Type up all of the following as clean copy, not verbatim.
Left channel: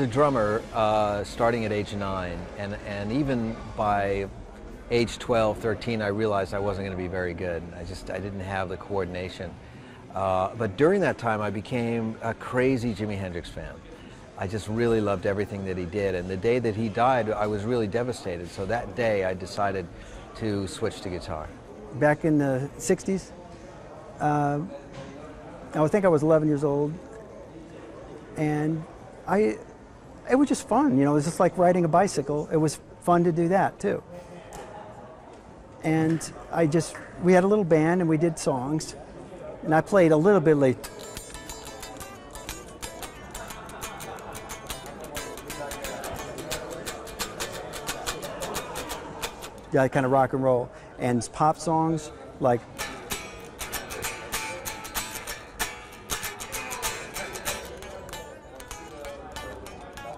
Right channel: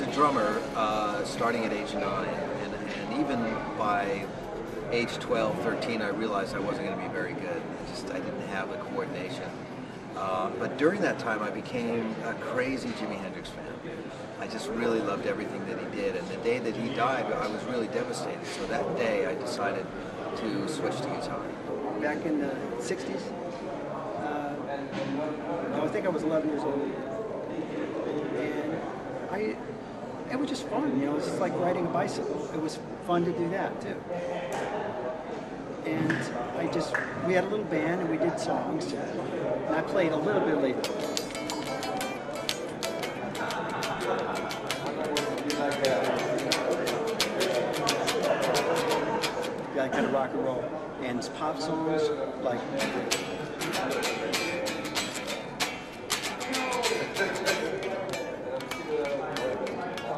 was a drummer starting at age 9, and even by age 12, 13, I realized I wasn't going to be very good. I didn't have the coordination. But during that time, I became a crazy Jimi Hendrix fan. I just really loved everything that he did. And the day that he died, I was really devastated. So that day, I decided to switch to guitar. Back in the 60s, I think I was 11 years old, and it was just fun, you know, it was just like riding a bicycle. It was fun to do that too. And we had a little band and we did songs, and I played a little bit like, yeah, kind of rock and roll, and pop songs like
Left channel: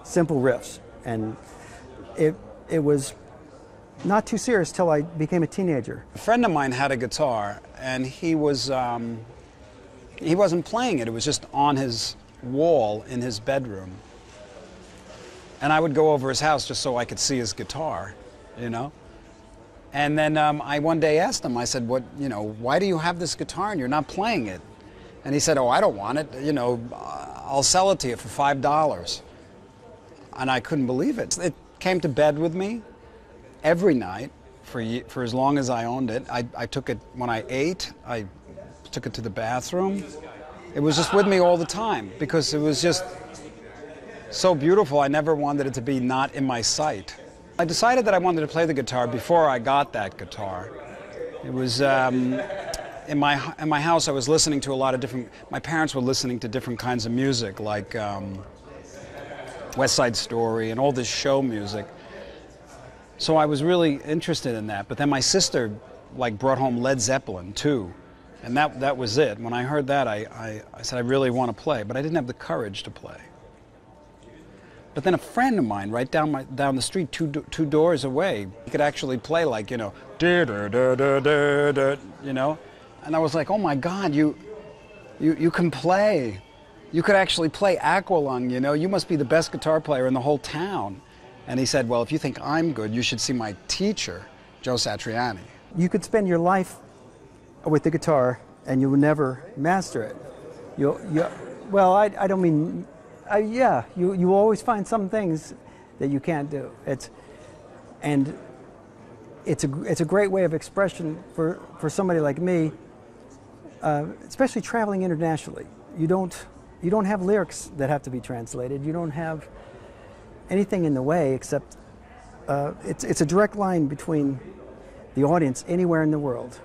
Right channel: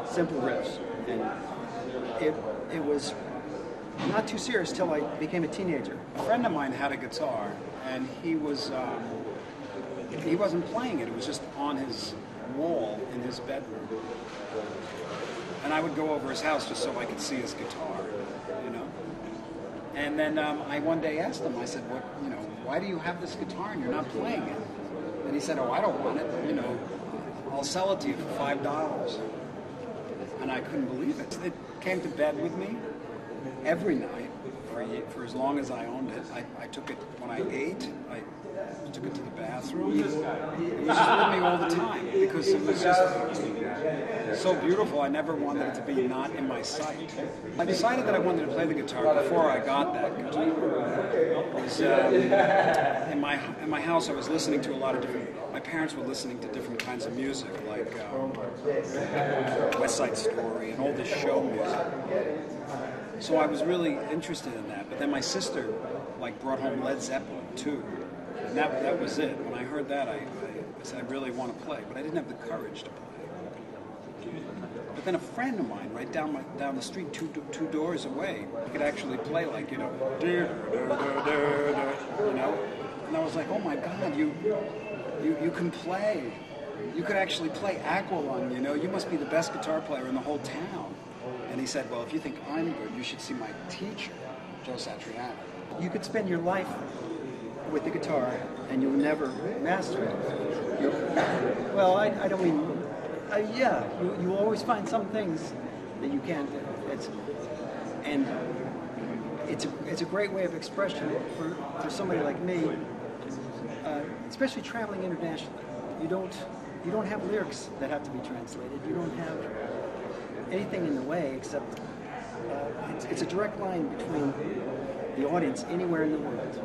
simple riffs, and it was not too serious till I became a teenager. A friend of mine had a guitar, and he wasn't playing it. It was just on his wall in his bedroom, and I would go over his house just so I could see his guitar, you know. And then I one day asked him, I said, why do you have this guitar and you're not playing it? And he said, oh, I don't want it, you know, I'll sell it to you for $5. And I couldn't believe it. It came to bed with me every night for as long as I owned it. I took it when I ate, I took it to the bathroom. It was just with me all the time because it was just so beautiful. I never wanted it to be not in my sight. I decided that I wanted to play the guitar before I got that guitar. It was in my house. I was listening to a lot of different. My parents were listening to different kinds of music, like West Side Story and all this show music. So I was really interested in that. But then my sister, brought home Led Zeppelin too, and that was it. When I heard that, I said I really want to play, but I didn't have the courage to play. But then a friend of mine, right down the street, two doors away, he could actually play you know, you know, and I was like, oh my God, you can play. You could actually play Aqualung, you know. You must be the best guitar player in the whole town. And he said, well, if you think I'm good, you should see my teacher, Joe Satriani. You could spend your life with the guitar and you would never master it. Well, I don't mean. Yeah, you always find some things that you can't do. It's a great way of expression for somebody like me, especially traveling internationally. You don't have lyrics that have to be translated. You don't have anything in the way except it's a direct line between the audience anywhere in the world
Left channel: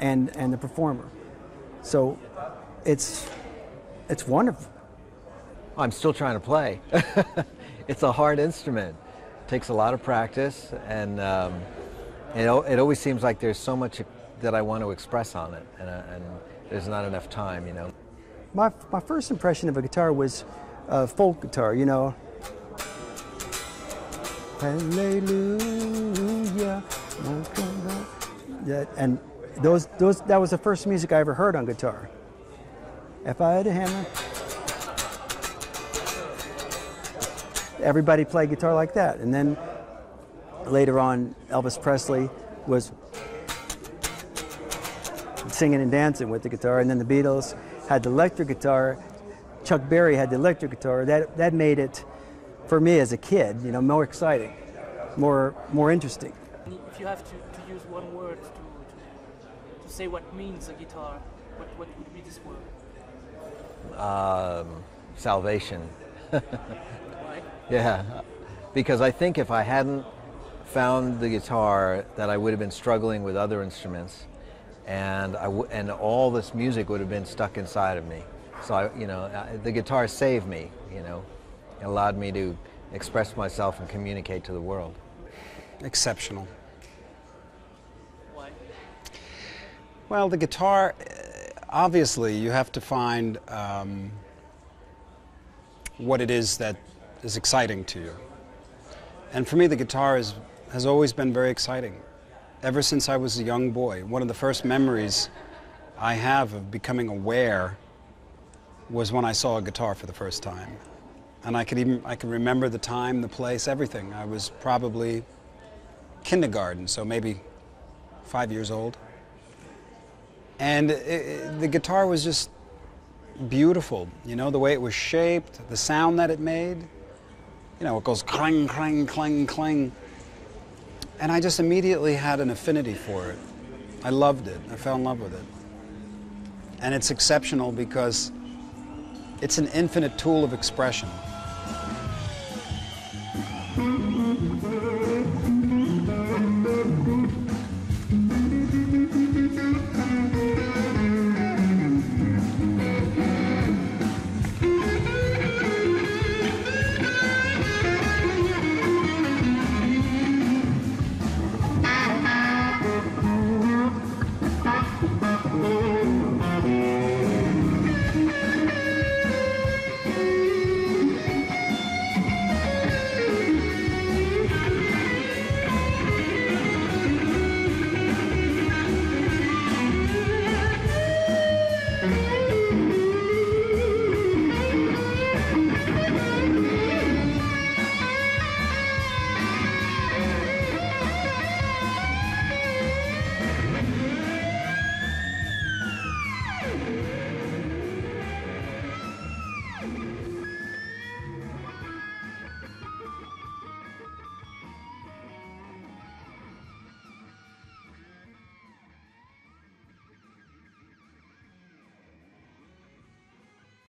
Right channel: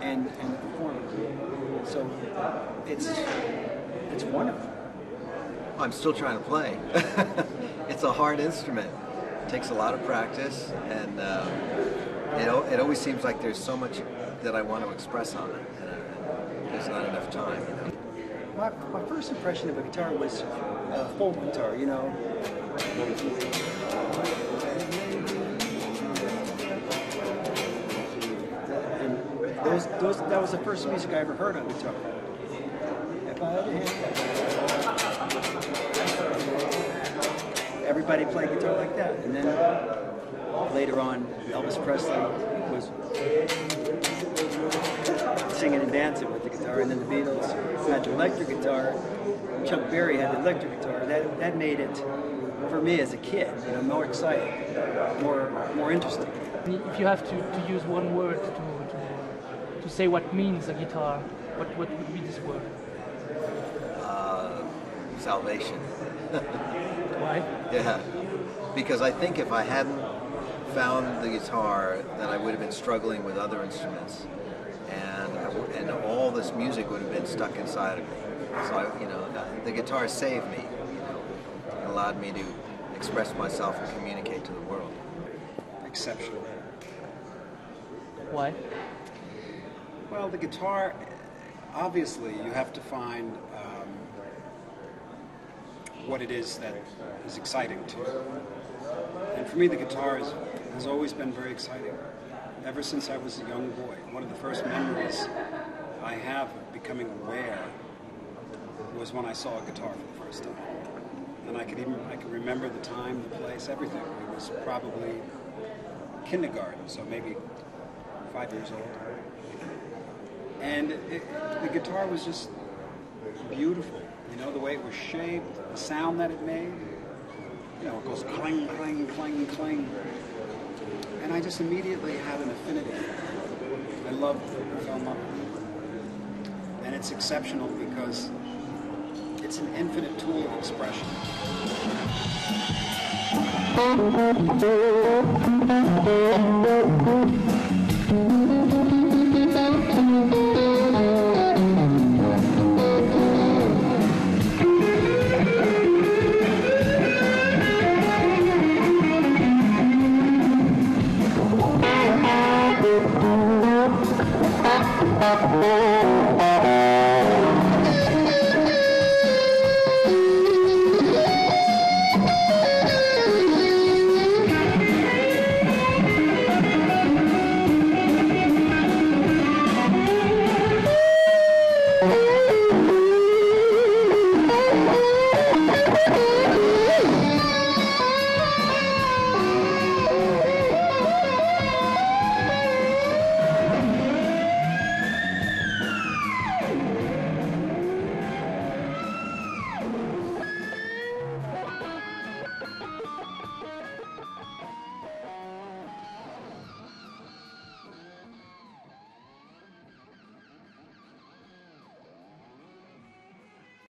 and the performer. So it's wonderful. I'm still trying to play. It's a hard instrument. It takes a lot of practice, and it always seems like there's so much that I want to express on it, and there's not enough time, you know. My first impression of a guitar was a folk guitar, you know. Hallelujah. And that was the first music I ever heard on guitar. If I had a hammer. Everybody played guitar like that, and then later on, Elvis Presley was singing and dancing with the guitar, and then the Beatles had the electric guitar. Chuck Berry had the electric guitar. That made it, for me as a kid, you know, more exciting, more interesting. If you have to use one word to say what means a guitar, what would be this word? Salvation. Why? Yeah, because I think if I hadn't found the guitar, then I would have been struggling with other instruments, and all this music would have been stuck inside of me. So the guitar saved me. You know, it allowed me to express myself and communicate to the world. Exceptional. Why? Well, the guitar, obviously, you have to find what it is that is exciting to you. And for me, the guitar has always been very exciting. Ever since I was a young boy, one of the first memories I have of becoming aware was when I saw a guitar for the first time. And I could remember the time, the place, everything. I was probably kindergarten, so maybe 5 years old. And the guitar was just beautiful, you know, the way it was shaped, the sound that it made. You know, it goes clang, clang, clang, clang. And I just immediately had an affinity for it. I loved it. I fell in love with it. And it's exceptional because it's an infinite tool of expression.